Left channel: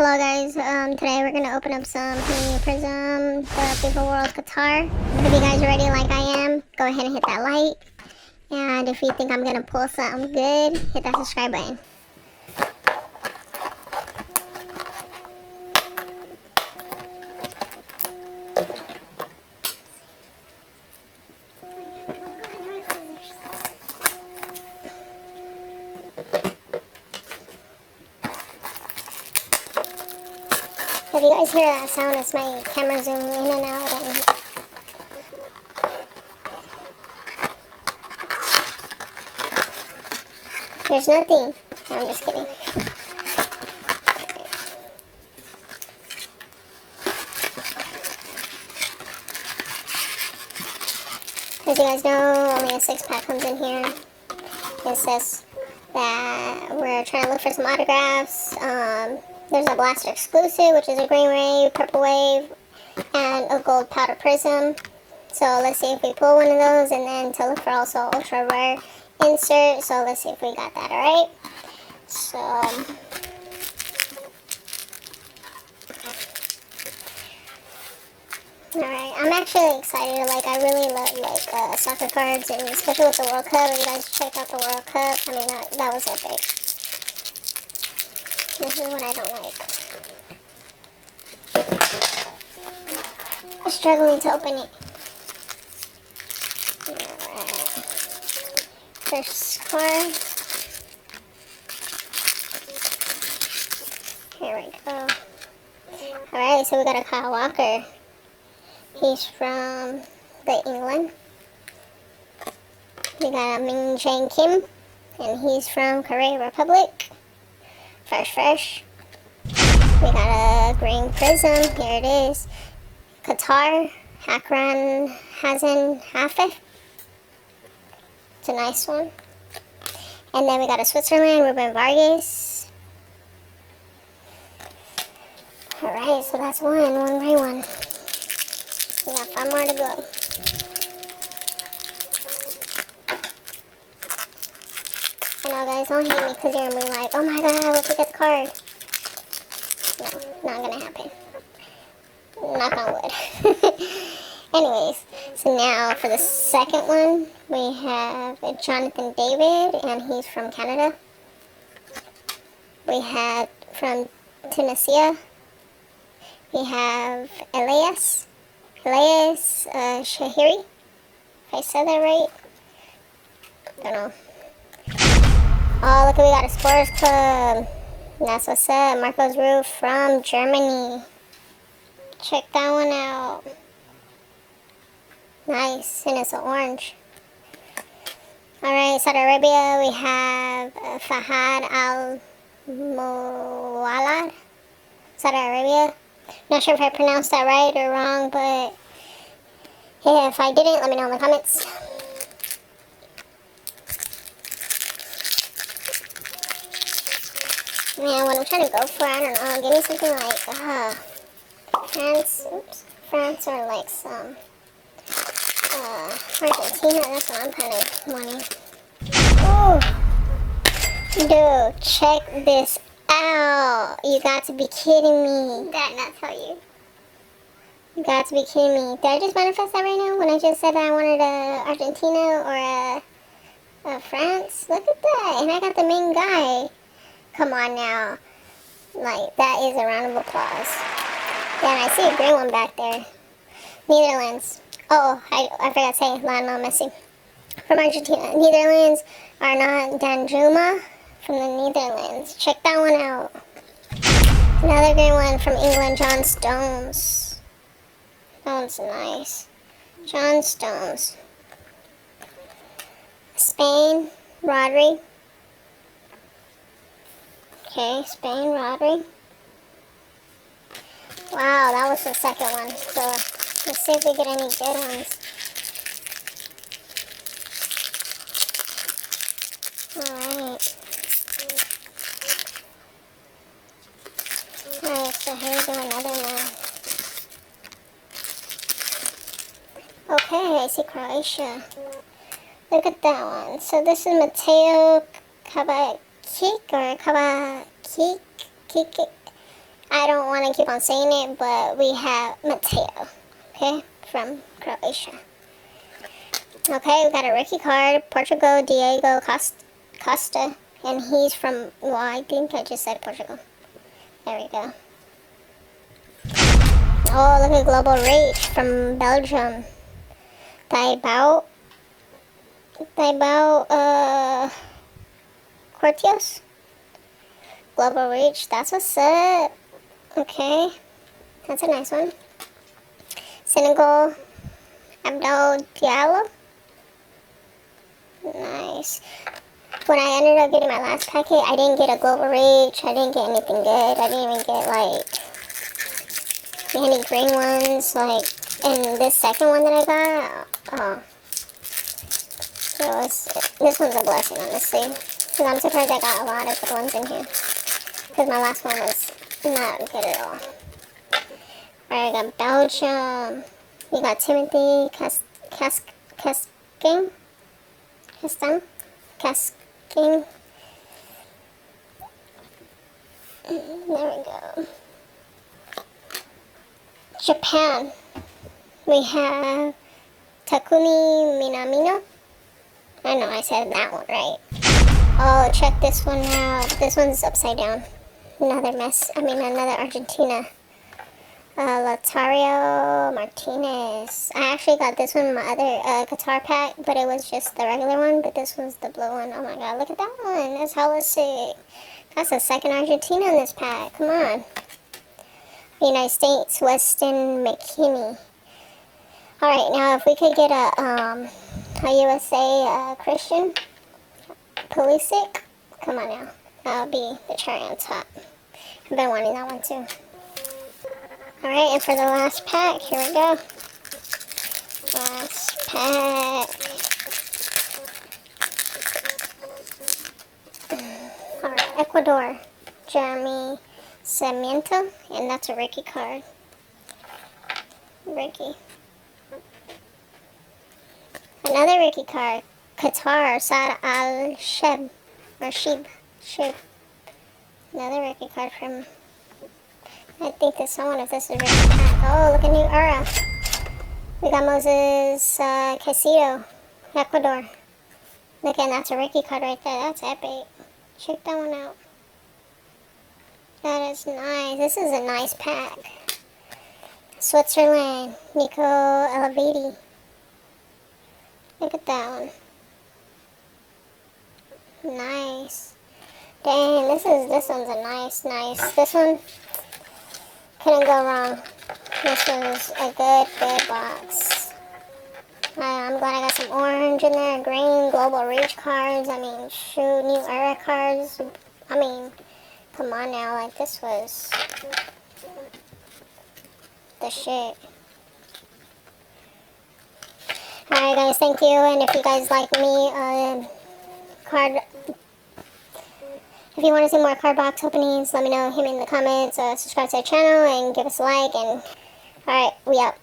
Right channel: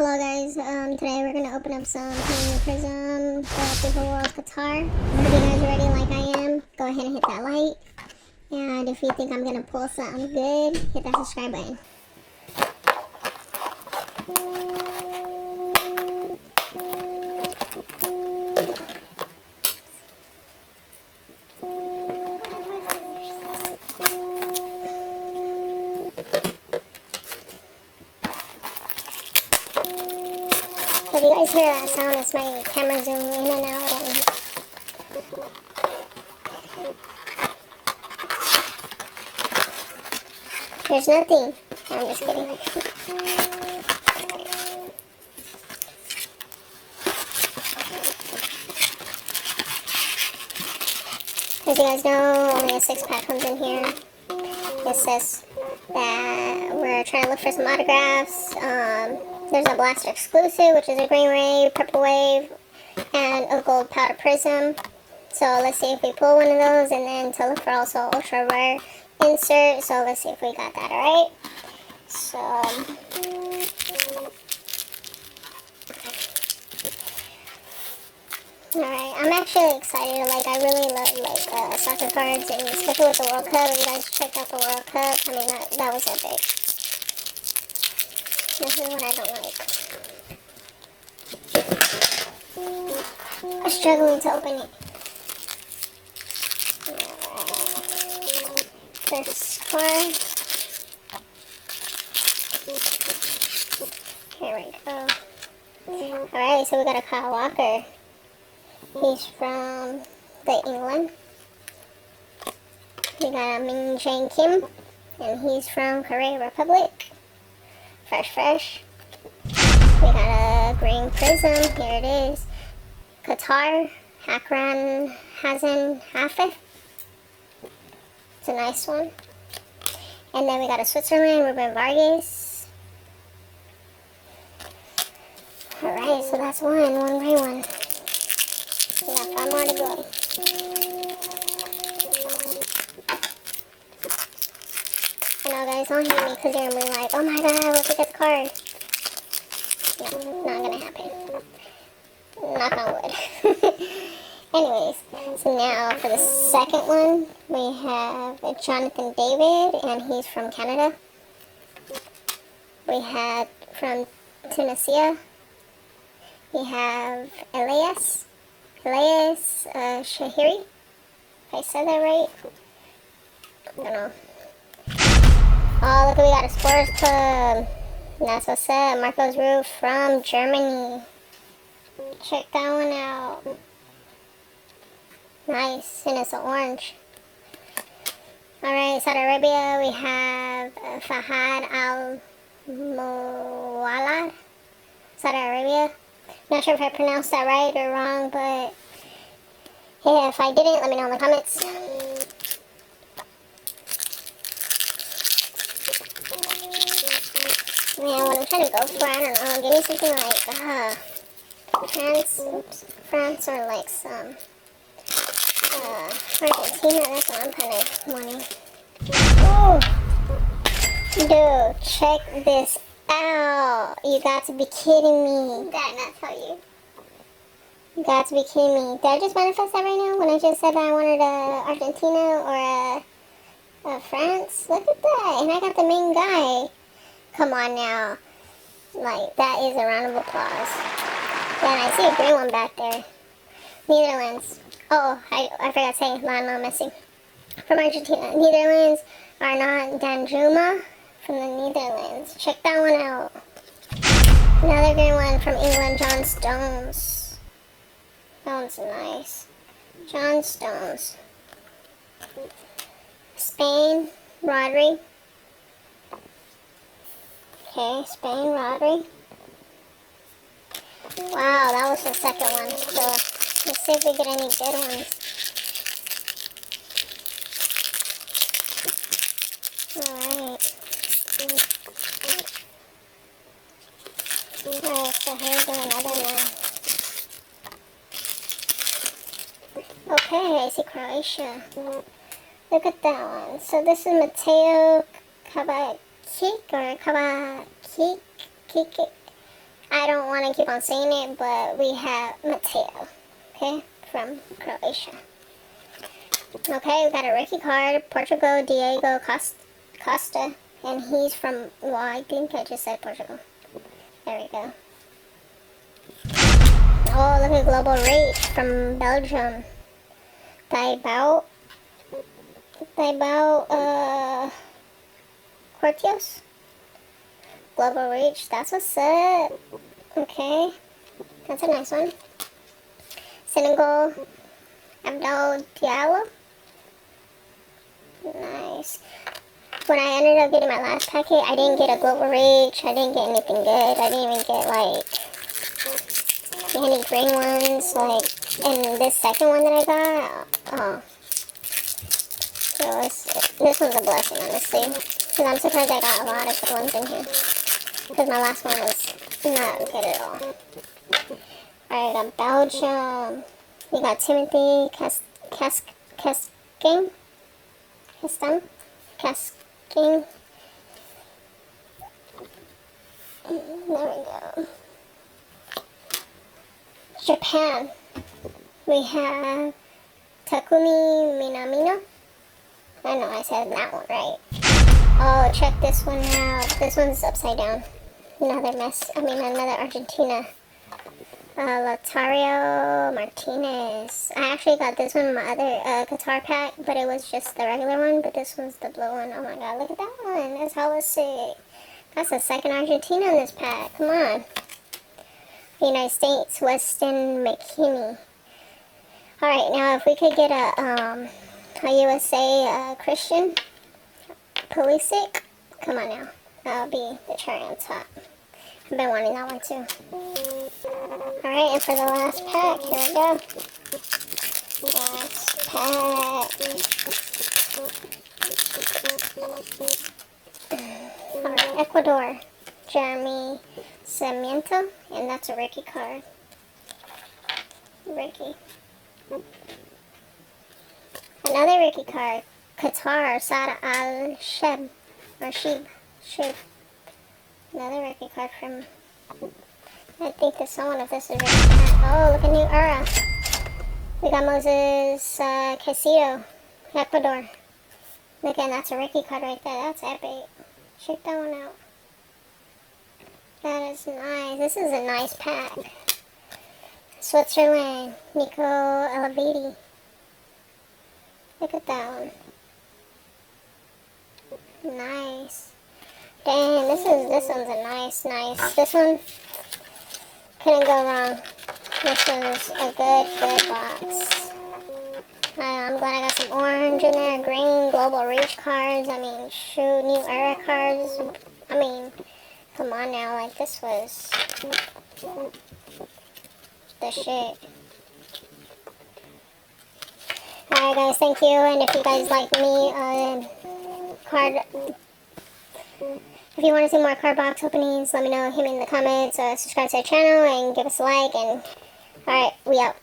Hello guys, today we're gonna open up some Hanging Prism, the FIFA World Qatar. Hope you guys are ready like I am. Go ahead and hit that like. And if you think I'm gonna pull something good, hit that subscribe button. If you guys hear that sound, it's my camera zooming in and out. There's nothing. I'm just kidding. As you guys know, only a 6-pack comes in here. It says that we're trying to look for some autographs. There's a Blaster exclusive, which is a green wave, purple wave, and a gold powder prism. So let's see if we pull one of those, and then to look for also ultra rare insert. So let's see if we got that, alright? So alright, I'm actually excited. Like, I really love soccer cards, and especially with the World Cup. You guys checked out the World Cup. I mean, that was epic. This is what I don't like. I'm struggling to open it. First score. Here we go. Alright, so we got a Kyle Walker. He's from England. We got a Min Jae Kim, and he's from Korea Republic. Fresh. We got a green prism. Here it is. Qatar, Hakran Hazen Hafe. It's a nice one. And then we got a Switzerland, Ruben Vargas. Alright, so that's one by one. We got 5 more to go. I know guys, don't hate me because you're gonna be like, oh my god, look at that card. No, not gonna happen. Knock on wood. Anyways, so now for the second one, we have Jonathan David, and he's from Canada. We have from Tunisia, we have Elias Shahiri. If I said that right? I don't know. Oh, look, we got a Sports Club. That's what's up. Marcos Roof from Germany. Check that one out. Nice, and it's orange. Alright, Saudi Arabia, we have Fahad Al Muwallad. Saudi Arabia. Not sure if I pronounced that right or wrong, but yeah, if I didn't, let me know in the comments. Man, what I'm trying to go for, I don't know. Give me something like France or like some Argentina. That's what I'm kind of wanting. Ooh. Dude, check this out. You got to be kidding me. Did I not tell you? You got to be kidding me. Did I just manifest that right now when I just said that I wanted a Argentina or a France? Look at that. And I got the main guy. Come on now. Like, that is a round of applause. And I see a green one back there. Netherlands. Oh, I forgot to say Lionel Messi. From Argentina. Netherlands, Arnaud Danjuma from the Netherlands. Check that one out. Another green one from England, John Stones. That one's nice. John Stones. Spain, Rodri. Okay, Spain, Rodri. Wow, that was the second one. So, let's see if we get any good ones. Alright. Alright, so here's another one. Okay, I see Croatia. Look at that one. So this is Mateo Kovacic or Kovacic. I don't want to keep on saying it, but we have Mateo, okay, from Croatia. Okay, we got a rookie card, Portugal, Diego Costa, and he's from, well, I think I just said Portugal. There we go. Oh, look at Global Rage from Belgium. Thibaut, Cortios. Global Reach, that's what's up. Okay, that's a nice one. Senegal, Abdul Diallo. Nice. When I ended up getting my last packet, I didn't get a Global Reach. I didn't get anything good. I didn't even get like any green ones. Like, and this second one that I got, this one's a blessing, honestly. Because I'm surprised I got a lot of good ones in here. Because my last one was not good at all. Alright, I got Belgium. We got Timothy Casking. There we go. Japan. We have Takumi Minamino. I know I said that one right. Oh, check this one out. This one's upside down. Another Argentina. Latario Martinez. I actually got this one in my other Qatar pack, but it was just the regular one, but this one's the blue one. Oh my god, look at that one. That's hella sick. That's the second Argentina in this pack. Come on. United States, Weston McKinney. Alright, now if we could get a USA Christian Pulisic. Come on now. That'll be the cherry on top. I've been wanting that one too. Alright, and for the last pack, here we go. Last pack. Alright, Ecuador. Jeremy Sarmiento. And that's a Ricky card. Ricky. Another Ricky card. Qatar. Saad Al-Sheb. Or Sheb. Another Ricky card from... I think this one, if this is a Ricky pack. Oh, look at New Era. We got Moses Casido. Ecuador. Look, and that's a Ricky card right there. That's epic. Check that one out. That is nice. This is a nice pack. Switzerland. Nico Elevati. Look at that one. Nice. Dang, this one's a nice. This one couldn't go wrong. This was a good box. I'm glad I got some orange in there, green, Global Reach cards. I mean, shoot, New Era cards. I mean, come on now, like this was the shit. Alright guys, thank you, and if you guys like me, if you want to see more card box openings, let me know, hit me in the comments, or subscribe to our channel, and give us a like, and alright, we out.